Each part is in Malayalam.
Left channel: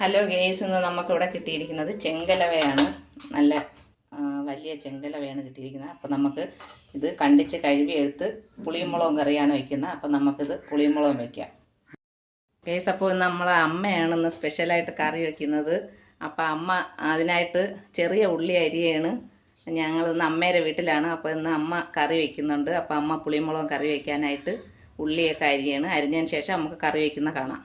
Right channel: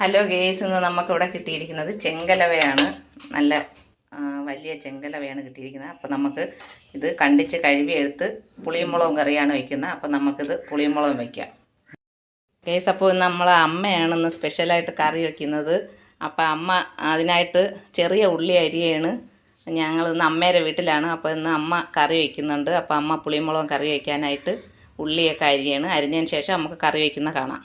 ഹലോ ഗേസ്, ഇന്ന് നമുക്കിവിടെ കിട്ടിയിരിക്കുന്നത് ചെങ്കലവയാണ്. നല്ല വലിയ ചെങ്കലവയാണ് കിട്ടിയിരിക്കുന്നത്. അപ്പോൾ നമുക്ക് ഇത് കണ്ടിച്ച് കഴുകി എടുത്ത് പുളിയും മുളകും കറിയാണ് വയ്ക്കുന്നത്. അപ്പോൾ നമുക്കിത് പുളിയും മുളകും വയ്ക്കാം. ഗേസ്, അപ്പോൾ ഇന്ന് നമ്മളെ അമ്മയാണ് ഇന്ന് സ്പെഷ്യലായിട്ട് കറി വയ്ക്കുന്നത്. അപ്പോൾ അമ്മ അതിനായിട്ട് ചെറിയ ഉള്ളി അരിയാണ്. ഞങ്ങൾ ഇന്ന് അമ്മയുടെ വീട്ടിലാണ്. അപ്പോൾ ഇന്ന് അമ്മ കറി വയ്ക്കുന്നുണ്ട്. അപ്പോൾ അമ്മ പുളിയും മുളകും കറി വയ്ക്കാനായിട്ട് ഉള്ളിയൊക്കെ അരിയാണ്. അരിഞ്ഞതിന് ശേഷം നമുക്ക് കറി വയ്ക്കുന്ന കാണാം.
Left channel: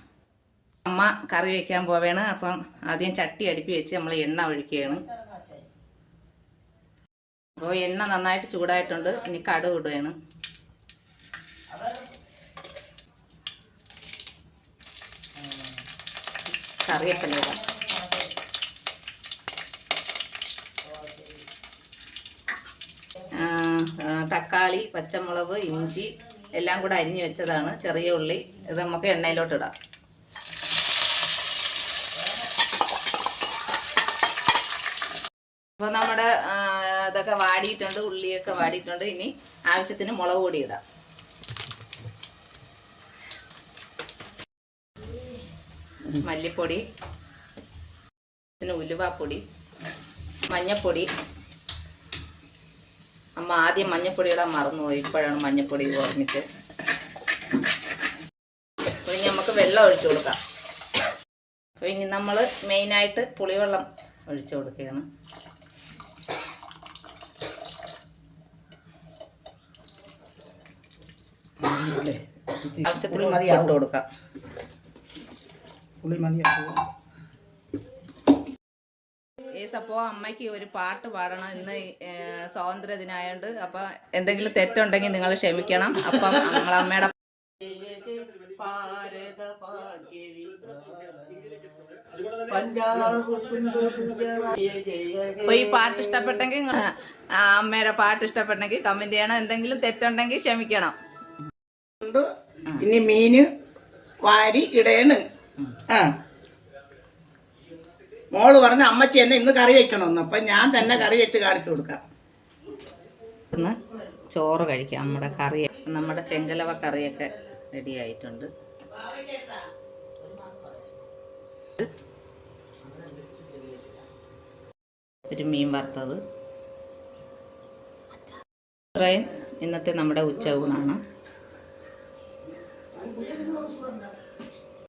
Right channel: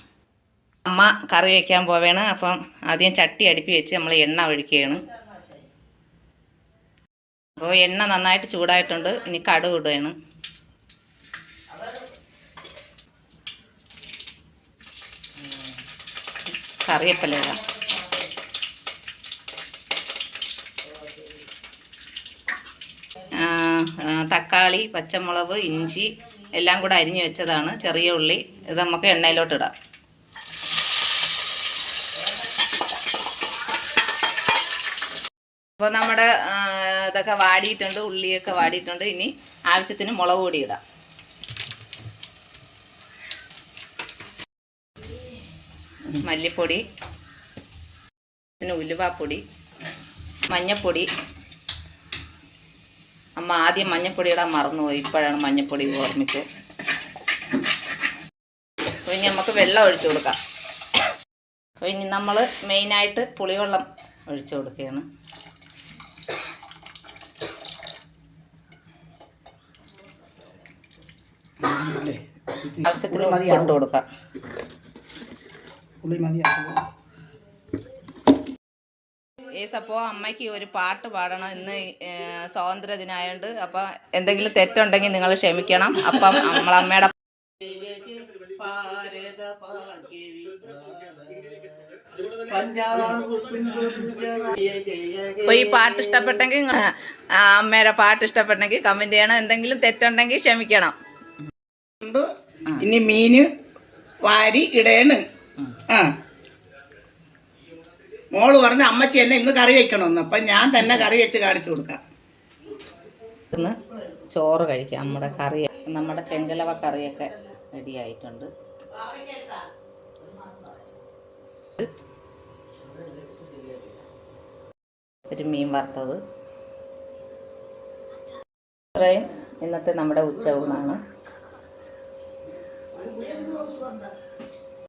അമ്മ കറി വയ്ക്കാൻ പോവുകയാണ്. അപ്പം ആദ്യം ചട്ടി അടുപ്പി വെച്ച് നമ്മൾ എണ്ണ ഒഴിക്കുകയാണ്. അപ്പോൾ എണ്ണ നന്നായിട്ട് ചൂടായിട്ടുണ്ട്. ഇനി കടുക് ഇടുകയാണ്. കറിവേപ്പില ഇടാം. തക്കാളി, പച്ചമുളക്, ഇഞ്ചി എല്ലാം കൂടെ അരിഞ്ഞ് വെച്ചതാണ്. ചെറിയ ഉള്ളി ഇത് നമുക്ക് എണ്ണയിലോട്ട് ഇടാം. അപ്പോൾ നമ്മുടെ ഇതൊക്കെ വാടിയിട്ടുണ്ട്, ഉള്ളിയൊക്കെ വാടിയിട്ടുണ്ട്. ഇനി ആവശ്യത്തിന് മുളക് പൊടി ഇടാം. മല്ലിപ്പൊടി, പിന്നെ ഉലുവാപ്പൊടി, മഞ്ഞൾപ്പൊടി. അമ്മ ആദ്യം മഞ്ഞൾപ്പൊടി ഇടാൻ മറന്നുപോയി, ഇപ്പോഴാണ് മഞ്ഞൾപ്പൊടി ഓർമ്മിച്ച്. അപ്പോൾ ഇനി നമുക്ക് വെള്ളം ഒഴിച്ചു കൊടുക്കാം. അപ്പോൾ ഇനി നമ്മൾ മെയിനായിട്ട് പുളിവെള്ളം ഒഴിച്ചു കൊടുക്കുകയാണ്. ആവശ്യത്തിന് ഉപ്പിട്ട് കൊടുക്കാം. അപ്പോൾ അമ്മയ്ക്ക് ഒരു പാട്ട് പാടണം. ഇന്ന് സ്വാതന്ത്ര്യ ദിനമായോണ്ട്. അപ്പം എന്തെങ്കിലും തെറ്റുണ്ടെങ്കിൽ നിങ്ങൾ ക്ഷമിക്കണം. അപ്പം നമ്മളമ്മയുടെ അപ്പോൾ ഈ പാട്ട് ഇഷ്ടപ്പെട്ടെങ്കിൽ, അമ്മയുടെ പാട്ട് ഇഷ്ടപ്പെട്ടെങ്കിൽ കമന്റ് ചെയ്യണം. എന്തെങ്കിലും തെറ്റുണ്ടെങ്കിൽ ക്ഷമിക്കണം. ഇനി മീന് വാരി ഇടയാണ്. മോള് പറഞ്ഞ അമ്മച്ചി എന്നെ ഇന്ന് കറി വെക്കണമെന്ന്. അപ്പൊ ഞാൻ തന്നെ കറി വെച്ച് കാണിച്ചു കൊടുക്കാം. ഇന്ന് ചോറ് കഴിക്കാം. നമ്മുടെ ചെങ്കലവ കറിയൊക്കെ റെഡി ആയിട്ടുണ്ട്. ഒരു മീൻ വറുത്തത്. ഇത്രയും ഇന്നത്തെ നമ്മുടെ ഉച്ച ഊണാണ്.